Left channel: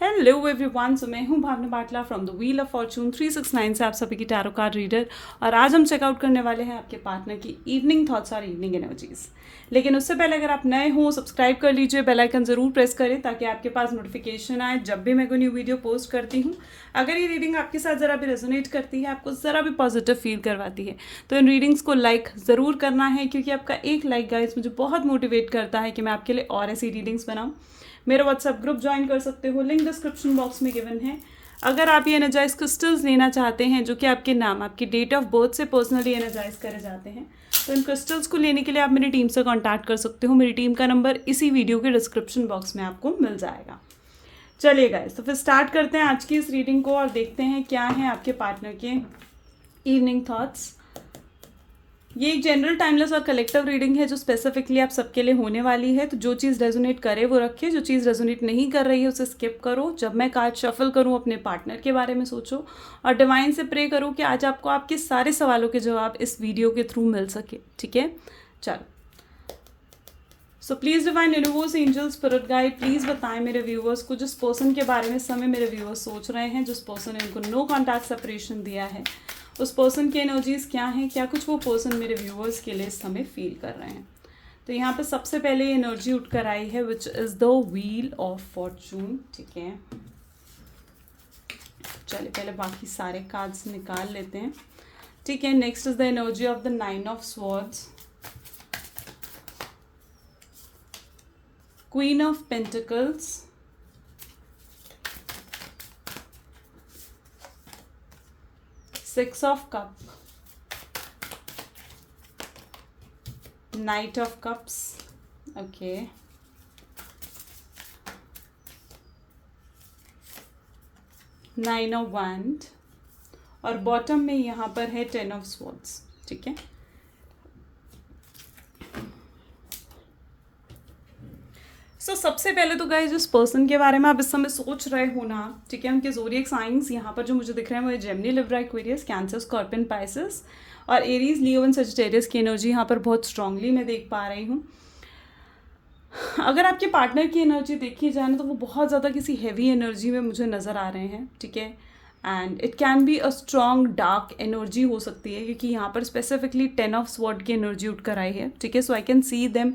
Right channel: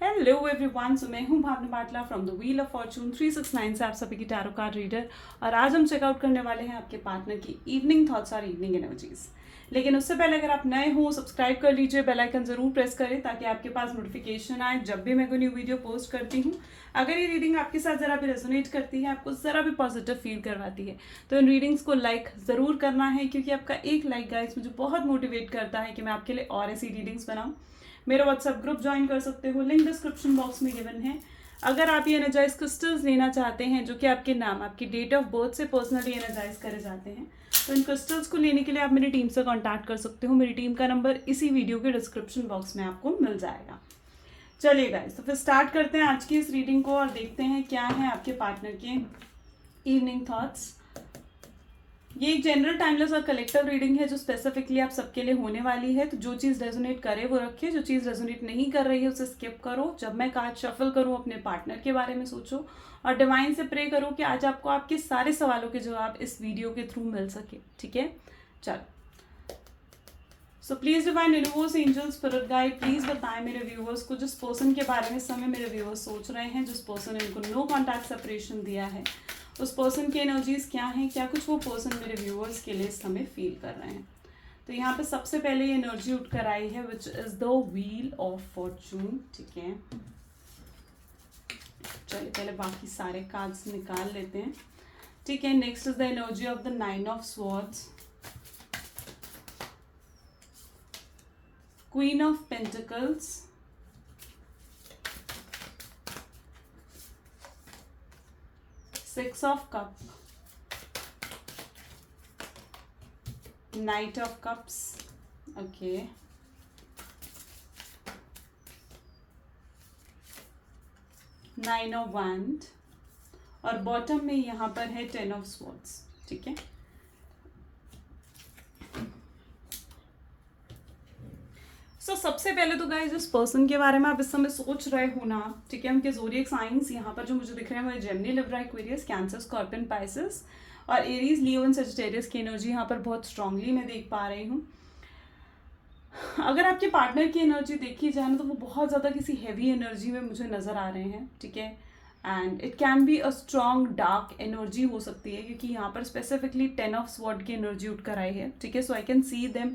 Hello everyone, so मैं हूं Bhavna Batla from the wheel of fortune 369 से आप सभी की टैरो कार्ड रीडर। और आज हम चेकआउट करने वाले हैं आपके पार्टनर की इवनिंग थॉट्स और इवनिंग एनर्जीज। लेकिन उससे पहले अगर आप नए हो, सब्सक्राइब कर लीजिए, बेल आइकन जरूर प्रेस करें ताकि आपके पास नोटिफिकेशन आए जब भी मैं कोई न्यू वीडियो पोस्ट करती हूँ। अगर ये रीडिंग आपके साथ ज़रा भी रेजोनेट करती है, आपको ज़रा भी पॉजिटिव फील करवाती है, तो इन रीडिंग्स को लाइक ज़रूर करना है, क्योंकि आपका एक लाइक गाइस मुझे बहुत मोटिवेट करता है कि मैं आपके लिए और ऐसी रीडिंग्स बनाऊँ। मेरा व्हाट्सएप ग्रुप ज्वाइन कर सकते हो, लिंक डिस्क्रिप्शन बॉक्स में गिवन है। अगर आप ये एनर्जाइज क्रिस्टल्स लेना चाहते हैं जो कि आपके नाम, आपकी डेट ऑफ बर्थ से पर्सनली एनर्जाइज करे जाते हैं, तो इन क्रिस्टल्स को लेने के लिए आप मेरी टीम से कांटेक्ट कर सकते हो। मेरी टीम का नंबर इसी वीडियो के डिस्क्रिप्शन बॉक्स में आपको मिल जाएगा। चलिए गाइस, तो फिर स्टार्ट करते हैं आज की इस रीडिंग को और देखते हैं क्या है आपके पार्टनर के इवनिंग थॉट्स। ये एक जनरल टाइमलेस और कलेक्टिव रीडिंग है जो स्पेसिफिकली आप सबके लिए होने वाली है। तो जो चीज़ रेजोनेट करे वो रखिए, जो चीज़ रेजोनेट नहीं कर रही है उसे स्किप करो। जब मैं कार्ड शफल करूँ अपने पार्टनर के बारे में सोचो और डिवाइन से प्रे करो कि आज आपको आपके सारे सवालों के जवाब इस वीडियो के थ्रू मिल सके। ठीक है, चलो। सो please divine universe, angel, spirit guide, please बताएं मेरे व्यूवर्स को जिस पर्सन के बारे में इस समय मेरे व्यूवर्स सोच रहे हैं, जिस पर्सन ने इनको नो कॉन्टैक्ट सेपरेशन दिया है, उस पर्सन की एनर्जीज क्या हैं, क्या कुछ वो पर्सन मेरे व्यूअर्स के लिए इस समय फील कर रहे हैं। तो यहाँ पर सबसे पहले ये एनर्जी उठ कर आई है which is the wheel of Fortune. ठीक है, चलिए पहले बाकी सारे कार्ड्स निकाल लेते हैं। ठीक है, next is the energy of the 9 of swords, queen of pentacles, Six of Cups, Knight of Cups, okay, Nine of Wands और बॉटम में यहाँ पर है 10 of Swords। ठीक है, सबसे पहले तो गाइस जिस पर्सन के बारे में आप इस समय सोच रहे हो ना, ठीक है, उनके ज़ोडिएक साइंस यहाँ पर जो मुझे दिख रहे हैं वो है Gemini, Libra, Aquarius, cancer, scorpion, Pisces और एरीज, लियो एंड सजिटेरियस की एनर्जी यहाँ पर बहुत स्ट्रांगली मैं देख पा रही हूँ। अगर आपके पार्टनर की एनर्जी देखी जाए ना तो वो बहुत ज़्यादा किसी हैवी एनर्जी में मुझे नज़र आ रहे हैं। ठीक है, and it can be a strong dark energy हो सकती है, क्योंकि यहाँ पर स्पेसिफिकली 10 ऑफ स्वॉर्ड की एनर्जी उठ कर आई है। ठीक है, सो आई कैन सी देम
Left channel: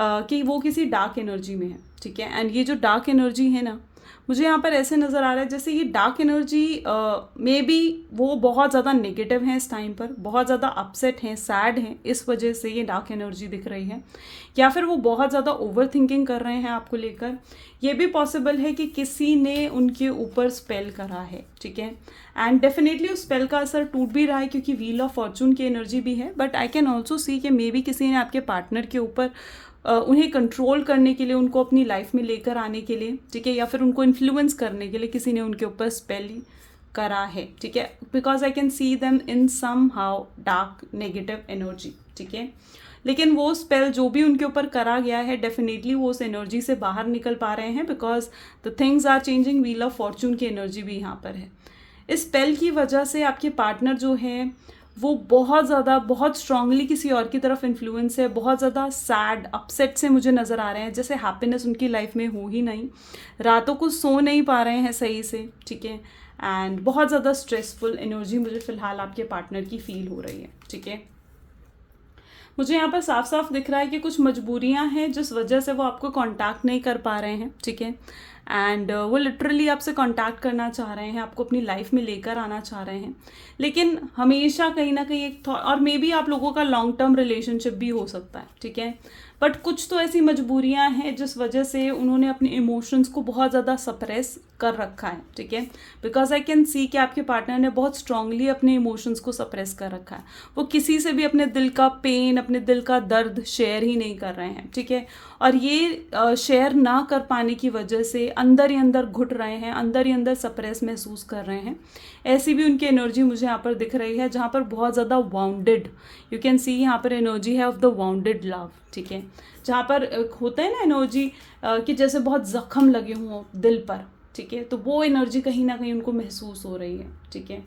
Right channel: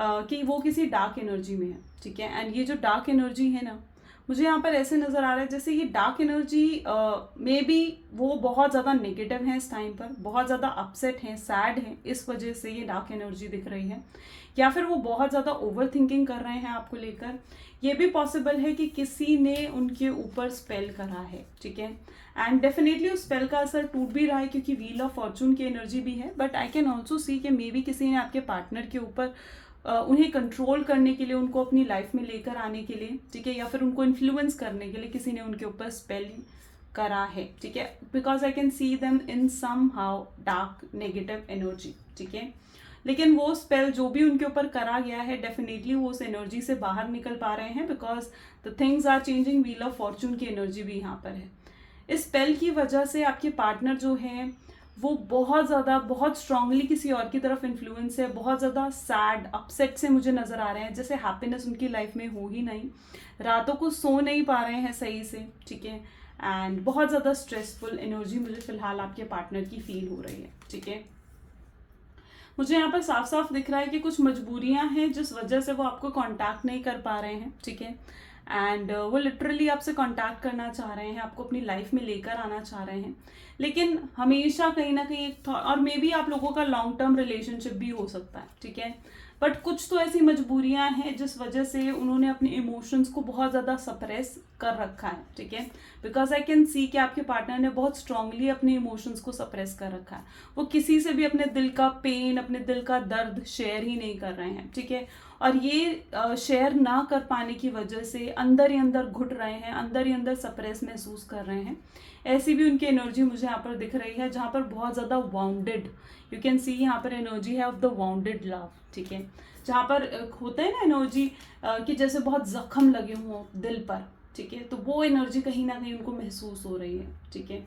कि वो किसी डार्क एनर्जी में है। ठीक है, एंड ये जो डार्क एनर्जी है ना, मुझे यहाँ पर ऐसे नज़र आ रहा है जैसे ये डार्क एनर्जी मे बी वो बहुत ज़्यादा नेगेटिव है इस टाइम पर, बहुत ज़्यादा अपसेट हैं, सैड हैं, इस वजह से ये डार्क एनर्जी दिख रही है। या फिर वो बहुत ज़्यादा ओवर थिंकिंग कर रहे हैं आपको लेकर। ये भी पॉसिबल है कि किसी ने उनके ऊपर स्पेल करा है। ठीक है, एंड डेफिनेटली उस स्पेल का असर टूट भी रहा है क्योंकि व्हील ऑफ फॉर्चून की एनर्जी भी है। But I can also see कि मे बी किसी ने आपके पार्टनर के ऊपर उन्हें कंट्रोल करने के लिए, उनको अपनी लाइफ में लेकर आने के लिए, ठीक है, या फिर उनको इन्फ्लुएंस करने के लिए किसी ने उनके ऊपर स्पेल करा है। ठीक है, because I can see them in somehow dark negative energy. ठीक है, लेकिन वो स्पेल जो भी उनके ऊपर करा गया है, डेफिनेटली वो उस एनर्जी से बाहर निकल पा रहे हैं, because the things are changing. Wheel of fortune की एनर्जी भी यहाँ पर है। इस स्पेल की वजह से आपके पार्टनर जो है वो बहुत ज़्यादा, बहुत स्ट्रांगली किसी और की तरफ इन्फ्लुएंस है, बहुत ज़्यादा सैड, अपसेट से मुझे नज़र आ रहे हैं, जैसे हैप्पीनेस उनकी लाइफ में हो ही नहीं, रातों को सो नहीं पा रहे हैं सही से। ठीक है, एंड बहुत ज़्यादा स्ट्रेसफुल एनर्जी मुझे फ़िलहाल आपके पार्टनर की फील हो रही है। ठीक है, मुझे यहाँ पर साफ साफ दिख रहा है कि कुछ मजबूरियाँ हैं जिस वजह से वो आपको कांटेक्ट नहीं कर पा रहे हैं। ठीक है, एंड वो लिटरली आपसे कांटेक्ट करना चाह रहे हैं, आपको अपनी लाइफ में लेकर आना चाह रहे हैं, लेकिन हमेशा कहीं ना कहीं एक थॉट, और मे बी आप लोगों का लॉन्ग टर्म रिलेशनशिप भी हो सकता है। ठीक है, बट कुछ तो ऐसी मजबूरियां हैं जिस वजह से उन्होंने अपने इमोशंस को बहुत ज़्यादा सप्रेस कर रखा है। ठीक है, बिकॉज आई कैन सी कि आपके पार्टनर ने बहुत स्ट्रांगली अपने इमोशंस को सप्रेस कर रखा है। वो किसी से भी अपने दिल का पेन, अपने दिल का दर्द शेयर ही नहीं कर रहे हैं। ठीक है, और ये शेयर ना कर पाने की वजह से अंदर ही अंदर घुट रहे हैं, अंदर ही अंदर सप्रेस महसूस कर रहे हैं। ऐसी भी उनकी एनर्जी मुझे यहाँ पर दिख रही है, जहाँ पर बहुत ज़्यादा वाउंडेड, यू कैन सी यहाँ पर एनर्जी है ऑफ द वाउंडेड लव। ठीक है, जहाँ पर होता है ना एनर्जी कि जैसे बहुत जख्म लगे हों दिल पर। ठीक है, तो वो एनर्जी कहीं ना कहीं उनको महसूस हो रही है। ठीक है,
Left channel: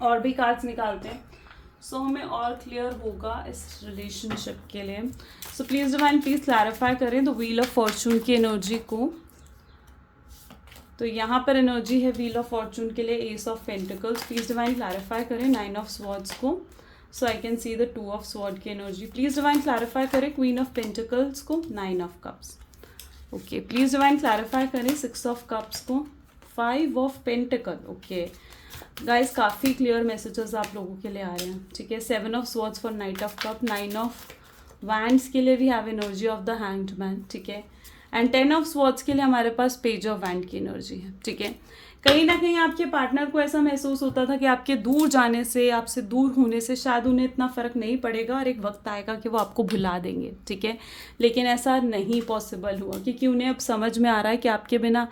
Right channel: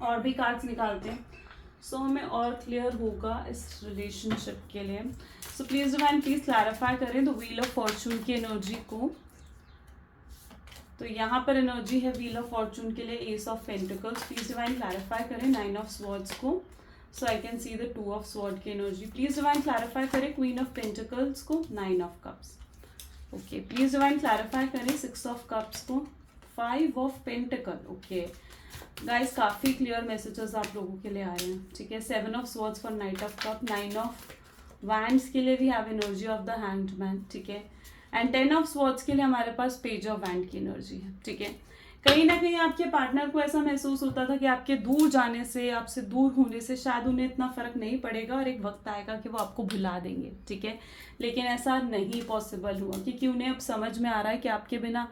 और भी कार्ड्स निकालते हैं सो हमें और क्लियर होगा इस रिलेशनशिप के लिए। सो प्लीज़ डिवाइन प्लीज़ क्लैरिफाई करें द व्हील ऑफ फॉर्चून की एनर्जी को। तो यहाँ पर एनर्जी है व्हील ऑफ फॉर्चून के लिए ace of pentacles. Please divine clarify करें 9 ऑफ स्वॉर्ड्स को, so I can see the 2 of sword की एनर्जी। प्लीज डिवाइन क्लैरिफाई करें क्वीन ऑफ पेंटिकल्स को, 9 of cups. Okay, please divine clarify करें 6 of cups को, 5 of pentacle. Okay guys, काफ़ी clear messages आप लोगों के लिए आ रहे हैं, ठीक है। 7 of swords for knight of cup, 9 of wands के लिए we have energy of the hanged man, ठीक है। एंड 10 ऑफ स्वॉर्ड्स के लिए हमारे पास पेज ऑफ वैंड की एनर्जी है, ठीक है। कहीं ना कहीं आपके पार्टनर को ऐसा महसूस होता था कि आपके दूर जाने से, आपसे दूर होने से शायद उन्हें इतना फ़र्क नहीं पड़ेगा और एक वक्त आएगा कि वो आपको भुला देंगे, ठीक है। लेकिन ऐसा नहीं पॉसिबल हुआ, क्योंकि उन्हें अब समझ में आ रहा है कि आपके बिना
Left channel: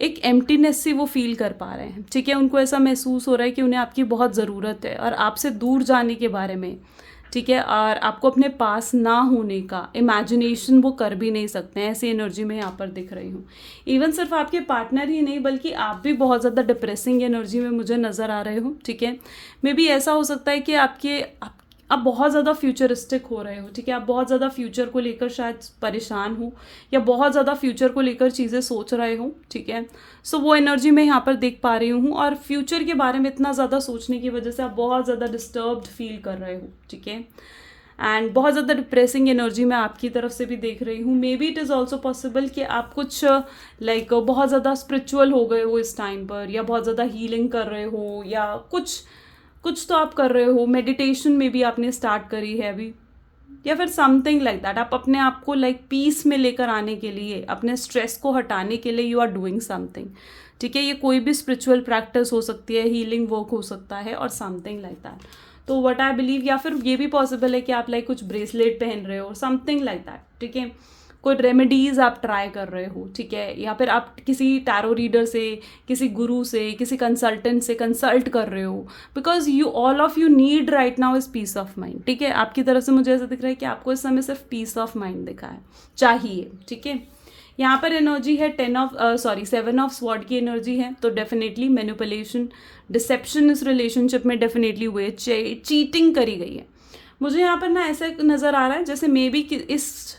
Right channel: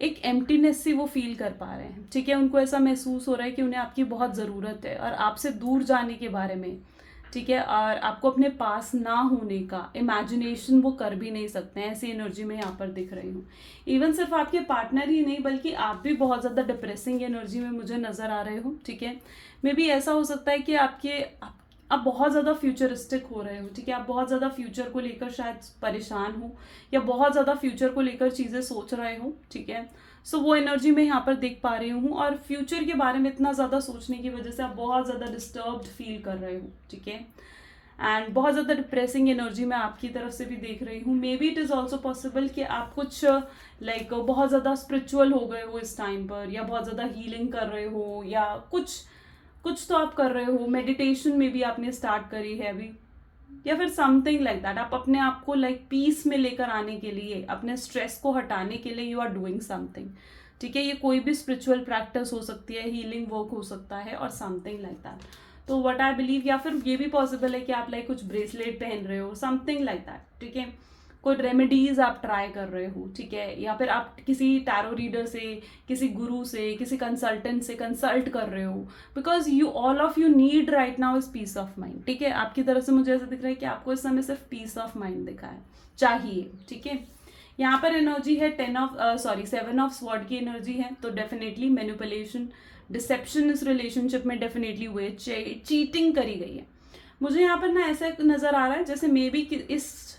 एक एम्प्टीनेस सी वो फील कर पा रहे हैं, ठीक है। उनको ऐसा महसूस हो रहा है कि उन्हें आपकी बहुत ज़रूरत है और आपसे दूर जाने के बारे में, ठीक है, और आपको अपने पास ना होने का इमेजिनेशन वो कर भी नहीं सकते हैं। ऐसी एनर्जी में यहाँ पर दिख रही हूँ। इवन सिर्फ आपके पार्टनर ही नहीं, बल्कि आप भी बहुत ज़्यादा डिप्रेसिंग एनर्जी में मुझे नज़र आ रहे हो, ठीक है। मे बी ऐसा हो सकता है कि आप बहुत ज़्यादा फ्यूचरिस्टिक हो रहे हो, ठीक है। आप बहुत ज़्यादा फ्यूचर को लेकर शायद परेशान हो या बहुत ज़्यादा फ्यूचर को लेकर चीज़ें सोच रहे हो, ठीक है। सो वो एनर्जी मैं यहाँ पर देख पा रही हूँ, और फ्यूचर के बारे में इतना ज़्यादा सोचने की वजह से आप बहुत ज़्यादा डिस्टर्ब्ड फील कर रहे हो, ठीक है। एंड बहुत ज़्यादा डिप्रेसिंग एनर्जी मैं आपकी तरफ से भी देख रही हूँ। May be it is also possible कि आप कुछ बहुत ज़्यादा स्पिरिचुअल हो गए हो इस टाइम पर, या बहुत ज़्यादा हीलिंग कर रहे हो, या कुछ तो आप कर रहे हो। मेडिटेशन में भी आपने स्टार्ट करी है अभी, या फिर समथिंग लाइक दैट। आप अपने आप को पीस में लेकर आने के लिए, अपने स्ट्रेस को हटाने के लिए यू आर डूइंग समथिंग, ठीक है। ये कोई भी स्पिरिचुअल प्रैक्टिस हो सकती है, हीलिंग वर्क हो सकता है, और समथिंग लाइक दैट। तो व्हाट आई बिलीव, या फिर ये भी पॉसिबल है कि आप कुछ ब्रेसलेट पहन रहे हो, समथिंग लाइक दैट, ठीक है। कोई रेमेडीज आप ट्राई कर रहे हो, ठीक है, या फिर आप किसी टैरो रीडर से, किसी गुरु से, किसी कंसल्टेंट से कंसल्ट कर रहे हो, because you all of you need right now is peace of mind, ठीक है। आपकी तरफ से मुझे ऐसा दिख रहा है कि आपको इस समय सिर्फ पीस ऑफ माइंड दिखा है, चाहिए, ठीक है। यहाँ पर एनर्जी है 7 ऑफ स्वॉर्ड की एनर्जी है, तो डेफिनेटली मैनिपुलेशन, डिसेप्शन इस रिलेशनशिप में डेफिनेटली हुए, चीटिंग करी गई है। मुझे यहाँ पर ना ऐसा नज़र आ रहा है जैसे मे बी इस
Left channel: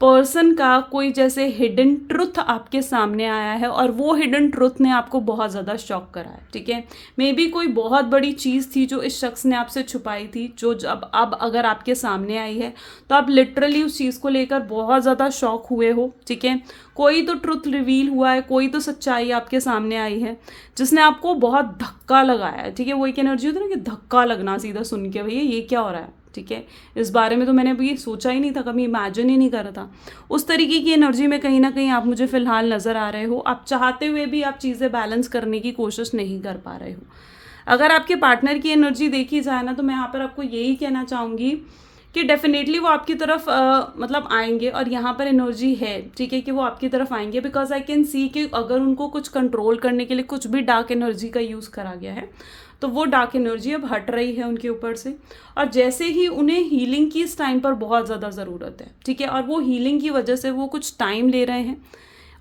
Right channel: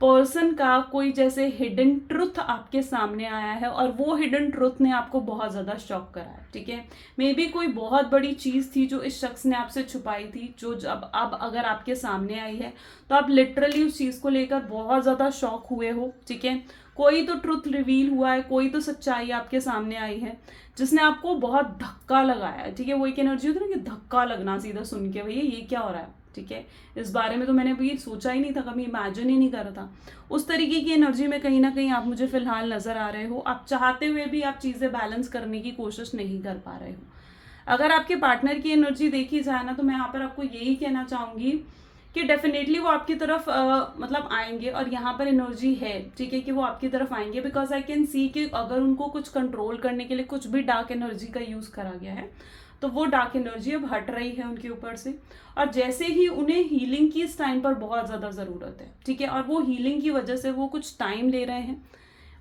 पर्सन का कोई जैसे हिडन ट्रुथ आपके सामने आया है, और वो हिडन ट्रुथ ने आपको बहुत ज़्यादा शॉक करा है, ठीक है। मे बी कोई बहुत बड़ी चीज़ थी जो इस शख्स ने आपसे छुपाई थी, जो जब अब अगर आपके सामने आई है तो आप लिटरली उस चीज़ को लेकर बहुत ज़्यादा शॉक हुए हो, ठीक है। कोई तो ट्रुथ रिवील हुआ है, कोई तो सच्चाई आपके सामने आई है जिसने आपको बहुत धक्का लगाया है, ठीक है। वो एक एनर्जी होती है ना कि धक्का लगना सीधा सुन के, भैया ये क्या हो रहा है, ठीक है, इस बारे में तो मैंने अभी सोचा ही नहीं था, कभी इमेजिन ही नहीं करा था। उस तरीके की एनर्जी में कहीं ना कहीं आप मुझे फिलहाल नज़र आ रहे हो। आप चाहते हुए भी आप चीज़ें बैलेंस करने की कोशिश नहीं कर पा रहे हो। अगर आपके पार्टनर की एनर्जी देखी जाए ना, तो मैं यहाँ पर आपको यही कहना चाहूँगी कि डेफिनेटली वो आपकी तरफ आएंगे, और यहाँ पर एनर्जी है, ठीक है, कि वो आपकी तरफ आएंगे, बिकॉज आई कैन सी कि अगर उनको कुछ कंट्रोल करने के लिए कुछ भी डार्क एनर्जी का यूज़ करा गया है, तो वो डार्क एनर्जी अब हट रही है उनके ऊपर से। और जैसे ही उन्हें हीलिंग की इस टाइम पर बहुत ज़्यादा ज़रूरत है, ठीक है, और वो हीलिंग की वजह से वो कुछ टाइम ले रहे हैं,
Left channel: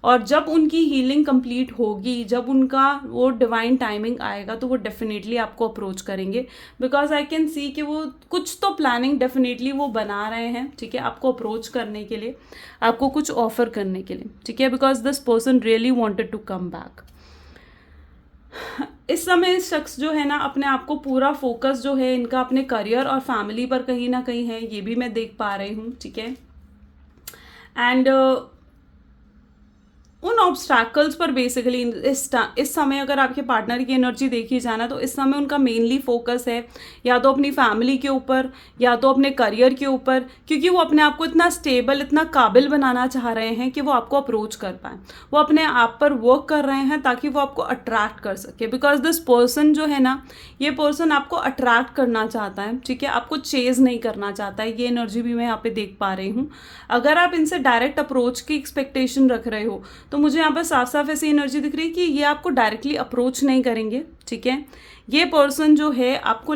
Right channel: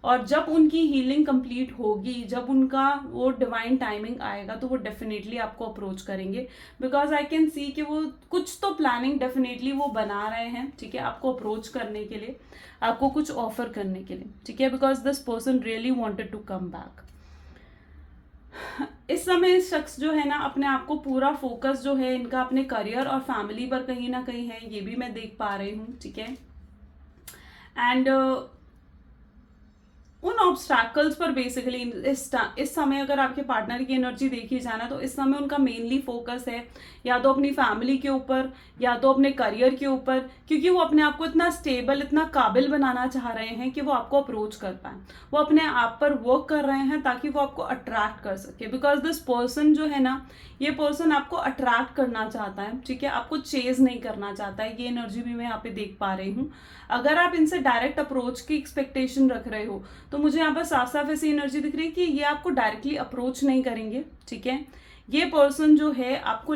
और जब उनकी हीलिंग कंप्लीट होगी, जब उनका वो डिवाइन टाइमिंग आएगा, तो वो डेफिनेटली आपको अप्रोच करेंगे, बिकॉज आई कैन सी कि वो कुछ तो प्लानिंग डेफिनेटली वो बना रहे हैं, ठीक है, आपको अप्रोच करने के लिए, आपको कुछ ऑफर करने के लिए, ठीक है, because this person really wanted to come back. इस समय इस शख्स जो है ना, अपने आप को पूरा फोकस जो है इनका अपने करियर और फैमिली पर कहीं ना कहीं है, ये भी मैं देख पा रही हूँ, ठीक है। एंड उन ऑब्स्टैकल्स पर बेसिकली इस समय अगर आपके पार्टनर की एनर्जी देखी जाए ना, तो इस समय उनका मेनली फोकस है या तो अपनी फैमिली के ऊपर, या तो अपने करियर के ऊपर, क्योंकि वो अपने आप को इतना स्टेबल, इतना काबिल बनाना चाह रहे हैं कि वो आपको अप्रोच कर पाए। वो अपने आप पर वर्क कर रहे हैं ताकि वो आपको अट्रैक्ट कर सके, बिकॉज दिस पर्सन जो है ना, ये पर्सन आपको अट्रैक्ट करना चाहता है, ठीक है, आपको चेज नहीं करना चाहता है। ये एनर्जी भी मैं यहाँ पे देख पा रही हूँ। अगर आप इनसे डायरेक्ट अप्रोच की एक्सपेक्टेशन रख रहे हो, तो मुझे यहाँ पर साफ साफ ऐसी एनर्जी दिख रही है कि ये आपको डायरेक्टली अप्रोच नहीं करेंगे, ठीक है। ये पर्सन जो है आपको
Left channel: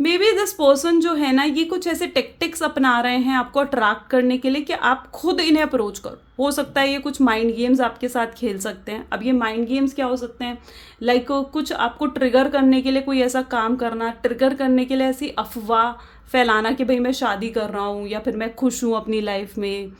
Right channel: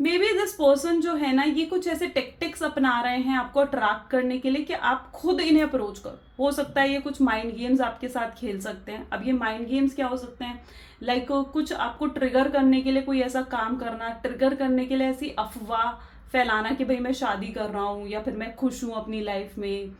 मे बी दिस पर्सन जो है ना, ये कुछ ऐसे टेक्टिक्स अपना रहे हैं आपको अट्रैक्ट करने के लिए कि आप खुद इन्हें अप्रोच करो। हो सकता है ये कुछ माइंड गेम्स आपके साथ खेल सकते हैं। अब ये माइंड गेम्स क्या हो सकते हैं, कुछ आपको ट्रिगर करने के लिए कोई ऐसा काम करना, ट्रिगर करने के लिए ऐसी अफवाह फैलाना कि भाई मैं शादी कर रहा हूँ, या फिर मैं खुश हूँ अपनी लाइफ में,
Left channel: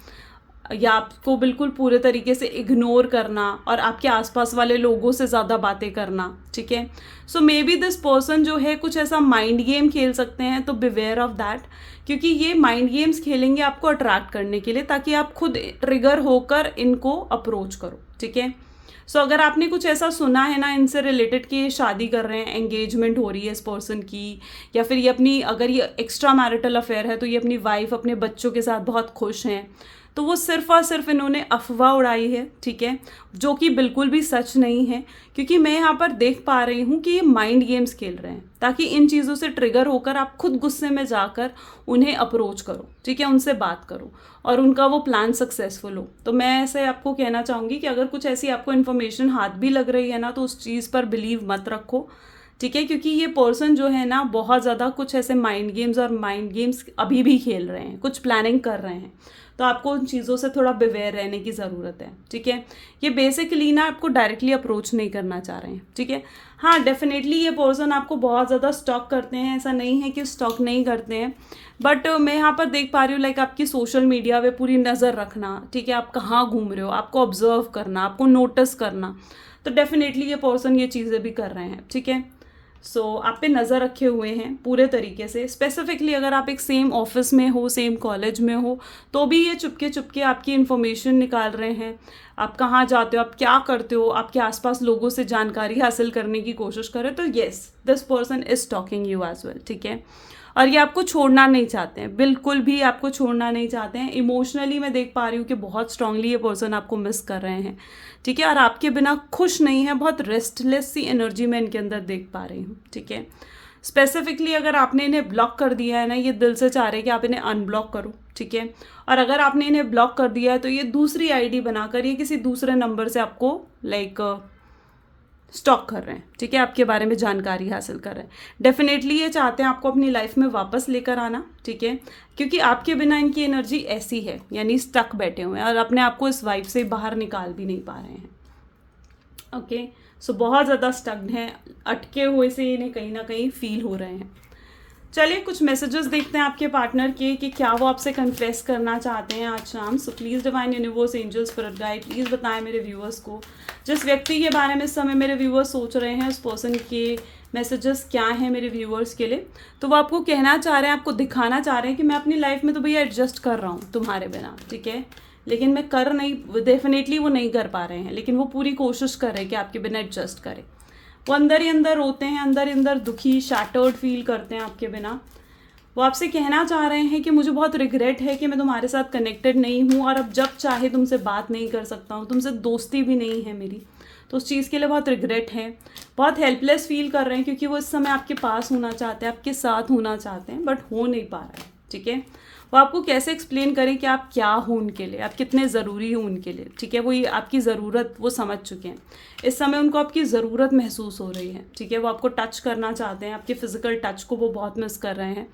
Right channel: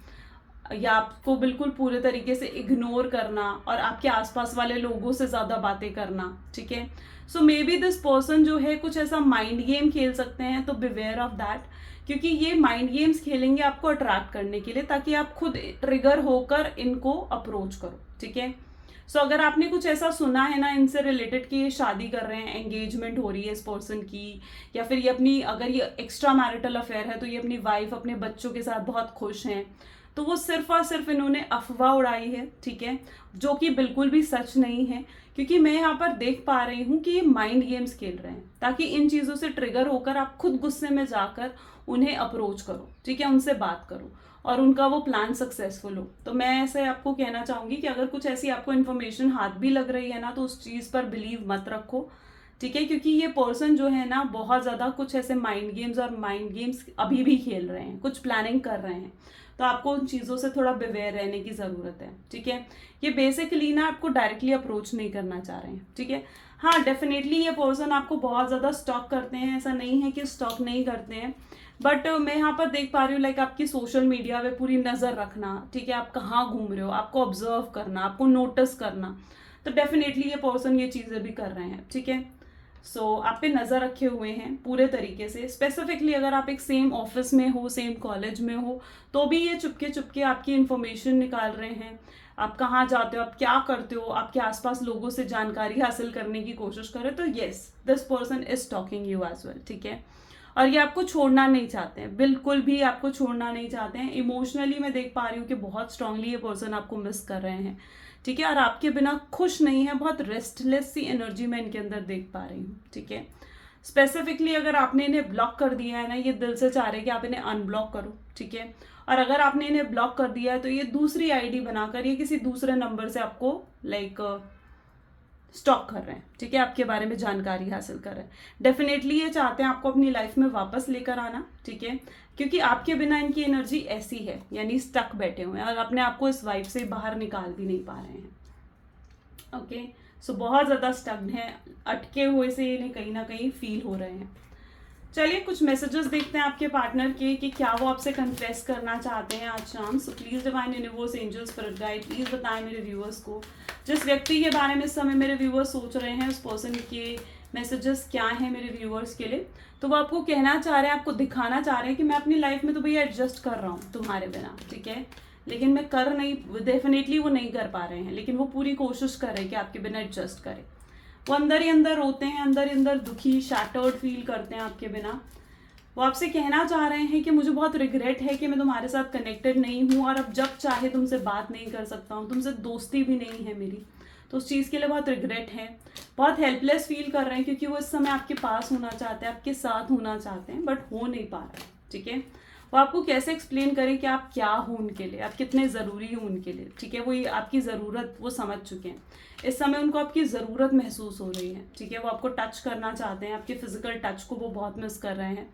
या आपको बिल्कुल पूरे तरीके से इग्नोर करना और आपके आसपास वाले लोगों से ज़्यादा बातें करना, ठीक है। सो मे बी दिस पर्सन जो है कुछ ऐसा माइंड गेम खेल सकते हैं, तो बिवेयर ऑफ दैट, क्योंकि ये माइंड गेम्स खेलेंगे आपको अट्रैक्ट करने के लिए, ताकि आप खुद ट्रिगर होकर इनको अप्रोच करो, ठीक है। सो अगर आपने कुछ ऐसा सुना है ना इनसे रिलेटेड कि ये शादी कर रहे हैं, एंगेजमेंट हो रही है इस पर्सन की, या फिर ये अपनी, अगर ये एक्स्ट्रा मैरिटल अफेयर है तो ये अपनी वाइफ अपने बच्चों के साथ बहुत खुश हैं, तो वो सिर्फ और सिर्फ इन्होंने अफवाह उड़ाई है, ठीक है, जो कि बिल्कुल भी सच नहीं है। क्योंकि मैं यहाँ पर देख पा रही हूँ कि ये माइंड गेम्स खेल रहे हैं, ताकि इन चीज़ों से ट्रिगर होकर आप खुद गुस्से में जाकर उन्हें अप्रोच करो, ठीक है, उनसे बात करो और उनका वो प्लान सक्सेसफुल हो। तो मैं ऐसे आपको कहना चाहूँगी कि अगर कुछ ऐसी आपको इन्फॉर्मेशन हाथ भी लग रही है ना, तो उस चीज़ पर बिलीव मत रखो, ठीक है, क्योंकि ये पर्सन जो है ना बहुत ज़्यादा कुछ ऐसे माइंड गेम्स और माइंड गेम्स अभी भी खेल रहे हैं, कुछ प्लानिंग कर रहे हैं। तो आपको उन चीज़ों से थोड़ा बिवेयर रहने की ज़रूरत है, ठीक है। ये बेसिकली ना आपको डायरेक्टली अप्रोच नहीं करना चाह रहे हैं, ठीक है। हाँ, डेफिनेटली ये पर्सन आपको बहुत ज़्यादा स्टॉक करते हैं, ऐसा नहीं है कि स्टॉक नहीं करते हैं, बट मैं यहाँ पर देख पा रही हूँ लाइक आपकी सोशल मीडिया पे पूरी नज़र रखना, ठीक है, आप कहाँ घूम रहे हो, आपको ऑब्जर्व करना, आपको नोटिस करना, तो डेफिनेटली ये पर्सन ये चीज़ें भी कर रहे हैं, ठीक है। सो आप पे नज़र रखे हुए हैं पूरे तरीके से। स्पेसिफिकली अगर आप एक सेम ऑफिस में हो, सेम कॉलेज में हो, तो भी ये चुपके चुपके आपकी इन्फॉर्मेशन निकाल रहे हैं, आप कहाँ जाते हो, आप क्या करते हो, आपके आसपास लोगों से जानकारी हासिल करने की कोशिश करें, तो yes, this person is talking you as well, ठीक है। और ये आपको छोड़ना नहीं चाहते हैं, बिल्कुल भी आपको छोड़ना नहीं चाहते हैं। इमोशनली मैं देख पा रही हूँ कि बहुत स्ट्रांगली ये पर्सन आपको मिस कर रहे हैं, ठीक है, और आपके बिना खुश नहीं है, बहुत रेस्टलेस सी एनर्जी मैं इनके अंदर देख पा रही हूँ, ठीक है। स्पेसिफिकली अगर आपने इन्हें ब्लॉक कर दिया है ना, ये दिल से चाह रहे हैं कि आप इन्हें अनब्लॉक करो, ठीक है। और अगर आपने इन्हें ब्लॉक कर दिया है तो ये दूसरी आईडी बनाकर ये किसी दूसरे नंबर से आपको लाइक स्टॉक कर रहे हैं, ठीक है, आपके बारे में जानकारी हासिल कर रहे हैं। डेफिनेटली ये चाहते हैं आपको अपनी लाइफ में वापस लेकर आना, ठीक है, क्योंकि आपके बिना इनकी एनर्जी ऐसी है, यानी स्टक बैठे हुए हैं और अपने आप को इस वाइब से बाहर निकाल भी नहीं पा रहे हैं। ओके, सो बहुत ज़्यादा स्टक्ड हैं, अटके हुए से इन्हें कहीं ना कहीं फील हो रहे हैं। चलिए कुछ मैसेजेस देखते हैं आपके पार्टनर के कि क्या वो आपसे कन्फेस करना चाहते हैं आज शाम। So please divine universe, angels, spirit guide, please बताएं मेरे व्यूअर्स को, जिस व्यक्ति के बारे में इस समय मेरे व्यूअर्स सोच रहे हैं, उस पर्सन के मैसेजेस क्या हैं मेरे व्यूअर्स के लिए। तो वो आपको कहना चाह रहे हैं, आपको दिखाना चाह रहे हैं कि मैं अपनी लाइफ में तो भैया एडजस्ट कर रहा हूँ तुम्हारे बिना, ठीक है, लेकिन मैं कर नहीं, डेफिनेटली वो नहीं कर पा रहे हैं, लेकिन वो पूरी कोशिश कर रहे हैं कि आपके बिना एडजस्ट करें। वो अंदर ही अंदर रोते हैं, अंदर ही अंदर दुखी, शैटर्ड फील करते हैं आपके बिना। वो आपसे कहना चाह रहे हैं कि मुझे बहुत रिग्रेट है कि मैं तुम्हारे साथ कनेक्टेड नहीं हूँ और अब जब चाहे तुमसे बात नहीं कर सकता हूँ, तुमसे दोस्ती भी नहीं है मेरी, तो उस चीज़ के लिए बहुत रिग्रेट है। बहुत हेल्पलेस फील कर रहे हैं क्योंकि वो इस समय आपके पास होना चाहते हैं, आपके साथ होना चाहते हैं, बट हो नहीं पा रहा है, ठीक है। वो आपको कैसे एक्सप्लेन करें कि आप क्या हो उनके लिए, आप कितने ज़रूरी हो उनके लिए, ठीक है। वो ये आपकी ज़रूरत वो समझ चुके हैं, इस समय उनको आपकी ज़रूरत महसूस हो रही है, ठीक है। वो आपको टच करना चाहते हैं, आपके फिजिकल टच को वो बहुत मिस कर रहे हैं,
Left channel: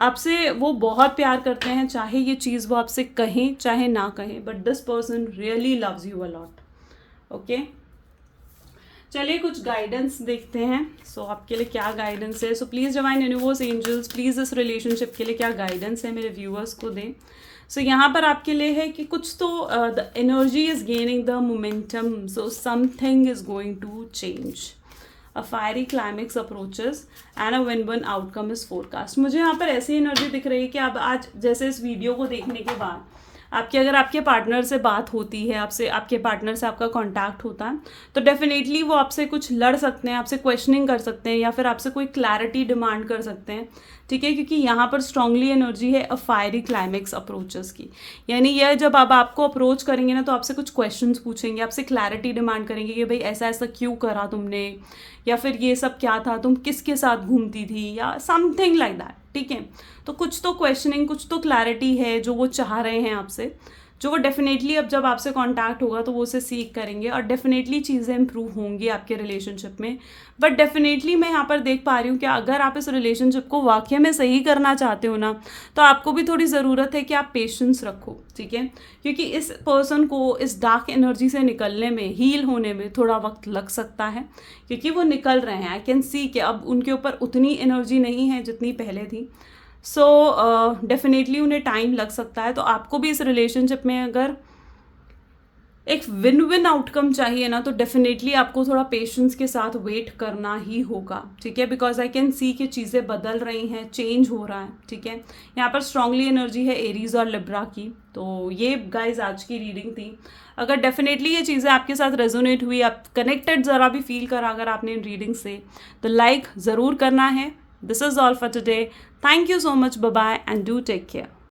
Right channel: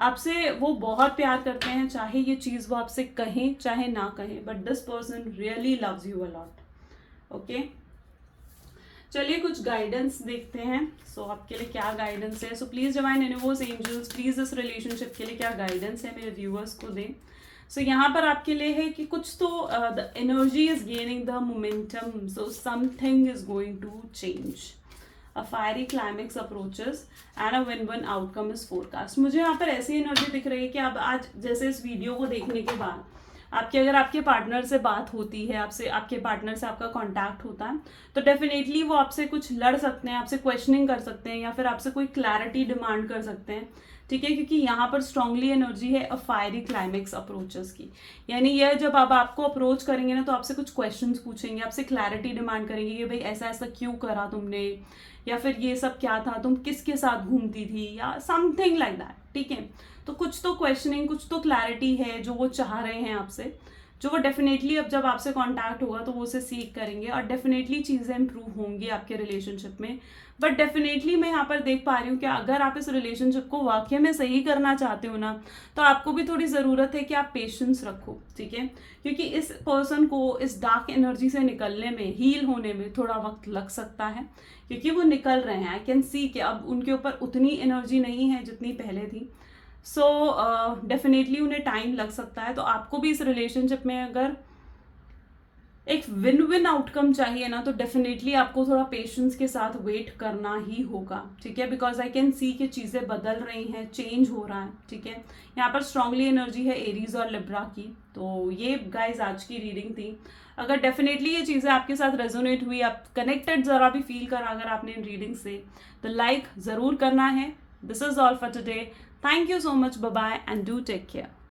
आपसे वो बहुत प्यार करते हैं, चाहे ये चीज़ वो आपसे कहें चाहे ना कहें, but this person really loves you a lot. Okay, चलिए कुछ गाइडेंस देखते हैं। सो आपके लिए क्या गाइडेंस है। So please divine universe, angels, please इस रिलेशनशिप के लिए क्या गाइडेंस है मेरे व्यूअर्स को दें। सो यहाँ पर आपके लिए है कि कुछ तो the energy is gaining the momentum, so something is going to change, a fiery climax approaches and a win win outcome is forecast. मुझे यहाँ पर ऐसी एनर्जी दिख रही है कि अब आज जैसे इस वीडियो को देखने के बाद आपके अगर आपके पार्टनर से बात होती है, आपसे आपके पार्टनर से आपका कांटेक्ट होता है, तो डेफिनेटली वो आपसे कुछ लड़ सकते हैं, आपसे क्वेश्चनिंग कर सकते हैं, या फिर आपसे कोई क्लैरिटी डिमांड कर सकते हैं, ठीक है, क्योंकि यहाँ पर स्ट्रांगली एनर्जी है अ फायरी क्लाइमेक्स अप्रोचेस की। यानी यह जब आप आपको अप्रोच करेंगे ना, तो आपसे कुछ क्वेश्चंस पूछेंगे, आपसे क्लैरिटी डिमांड करेंगे कि भाई ऐसा ऐसा क्यों करा तुमने, या फिर ये सब क्या था, तुम किसके साथ घूमती थी, या समथिंग लाइक दैट, ठीक है। तो कुछ तो क्वेश्चनिंग, कुछ तो क्लैरिटी है जो वो चाह रहे हैं आपसे, जो वो डेफिनेटली अब जब आपसे कांटेक्ट होगा तो वो उसे सीख करेंगे और डेफिनेटली चीज़ें इंप्रूव होंगी आपके रिलेशनशिप में। बट डेफिनेटली मैं यहाँ पर देख पा रही हूँ कि अगर आप इस रिलेशनशिप को वाकई में सही करना चाहते हो ना, तो आपको भी थोड़ी ज़रूरत है कि आप पेशेंस रखो, ठीक है, क्योंकि इस पर्सन को इस डार्क एनर्जी से निकलने में, हील होने में थोड़ा वक्त लग सकता है, क्योंकि वो निकल रहे हैं। आई कैन सी कि अब उनके ऊपर उतनी एनर्जी नहीं है जितनी पहले थी। सो डेफिनेटली उन्हें टाइम लग सकता है। तो आपको भी इस रिलेशनशिप में अगर एक विन विन आउटकम चाहिए ना, तो डेफिनेटली आपको थोड़ा पेशेंस के साथ वेट करना ही होगा, ठीक है। बिकॉज आई कैन सी कि चीज़ें बदल रही हैं, चेंज हो रहा है, ठीक है। यहाँ पर स्ट्रांगली एनर्जी है एरीज और लिब्रा की। तो ये गाइज आज की रीडिंग थी। अगर डेफिनेटली ये चीज़ें आपके साथ रेजोनेट हुई, आप कनेक्टेड ज़रा भी फील करा अगर आपने इन रीडिंग से, तो लाइक ज़रूर करना है। This is all for today. Thank you so much, bye bye and do take care.